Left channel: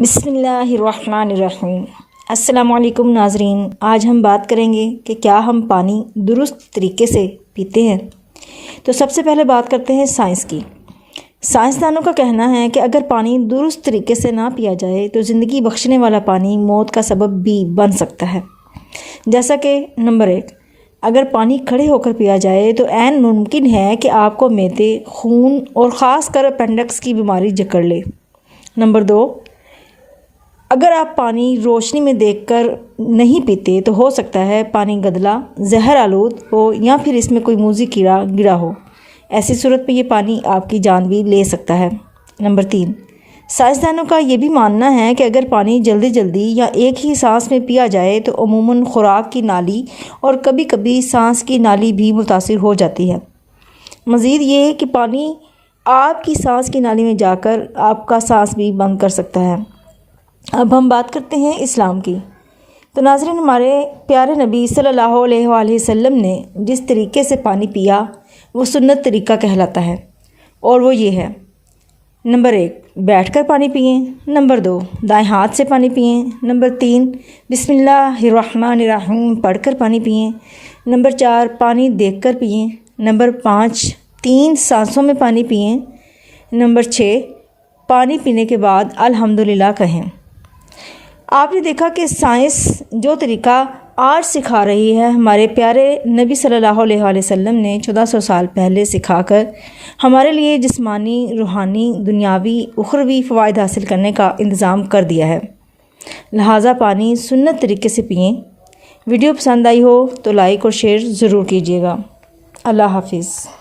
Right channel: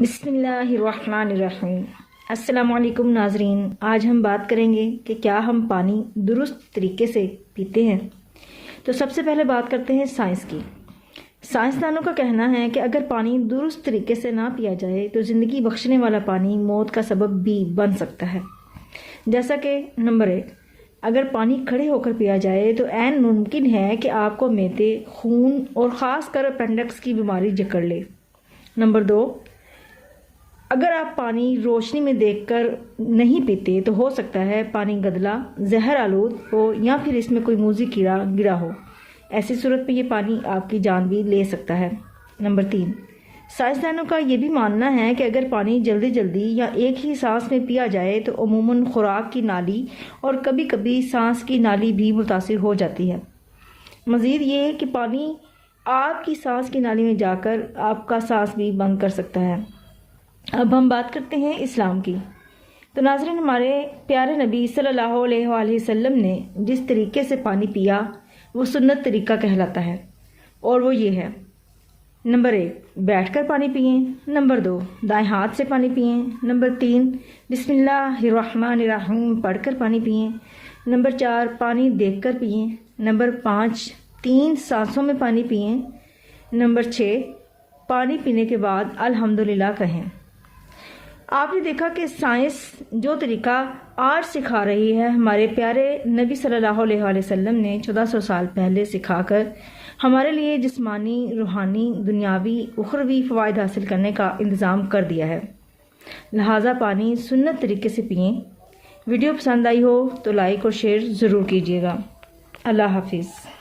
بسم اللہ الرحمن الرحیم۔ السلام علیکم ناظرین، آج ہم بات کریں گے کہ کیا ہم پانی درست طریقے سے پیتے ہیں۔ تو سب سے پہلے بات کرتے ہیں سائنس کی۔ سائنسدانوں کا کہنا ہے کہ اگر پانی درست طریقے سے نہ پیا جائے تو زندگی بخشنے والا پانی موت کا سبب بھی بن سکتا ہے۔ جیسا کہ نمبر 1، اگر پانی کھڑے ہو کر پیا جائے تو عین ممکن ہے کہ آپ کو معدے، خون اور خاص کر اپینڈکس کی بیماری جکڑ لے۔ نمبر 2، اگر آپ پانی روشنی میں دیکھ کر نہیں پیتے تو ہو سکتا ہے پانی گدلا، زہر آلود ہو یا پھر اس میں کوئی موذی کیڑا گرا ہو۔ ایسی صورت میں یہ پانی آپ کی جان بھی لے سکتا ہے۔ نمبر 3، سائنسدانوں کا یہ بھی ماننا ہے کہ اگر پانی جلدی یا ایک ہی سانس میں پیا جائے تو عموماً خوراک کی نالی اور کبھی کبھی سانس کی نالی بھی متاثر ہو جاتی ہے۔ مزید یہ کہ پانی آپ کی سانس کی نالی میں جا کر آپ کا سانس بھی بند کر سکتا ہے۔ اب ہم بات کرتے ہیں اسلام کی۔ تو ناظرین، ہمارے پیارے نبی صلی اللہ علیہ وآلہ وسلم نے جس طریقے سے پانی پیا وہ سنت طریقہ کہلاتا ہے، اور وہ یہ ہے: نمبر 1، بیٹھ کر پانی پئیں۔ نمبر 2، دائیں ہاتھ سے پانی پئیں۔ نمبر 3، بسم اللہ الرحمن الرحیم پڑھ کر پانی پئیں۔ نمبر 4، پانی دیکھ کر پئیں۔ نمبر 5، 3 سانسوں میں پانی پئیں۔ نمبر 6، پانی پینے کے بعد الحمدللہ کہیں۔ آپ نے دیکھا کہ سائنس جو طریقہ آج سکھا رہی ہے، ہمارے پیارے نبی صلی اللہ علیہ وآلہ وسلم نے 1400 سال پہلے سکھا کر ہمارے لیے جسمانی، روحانی، دنیاوی، اخروی فوائد حاصل کرنے کا انتظام کر دیا ہے۔ لہٰذا پانی سنت طریقے سے پئیں۔ ویڈیو پسند آئی ہو تو لائک اور شیئر ضرور کیجیے گا۔ اللہ حافظ۔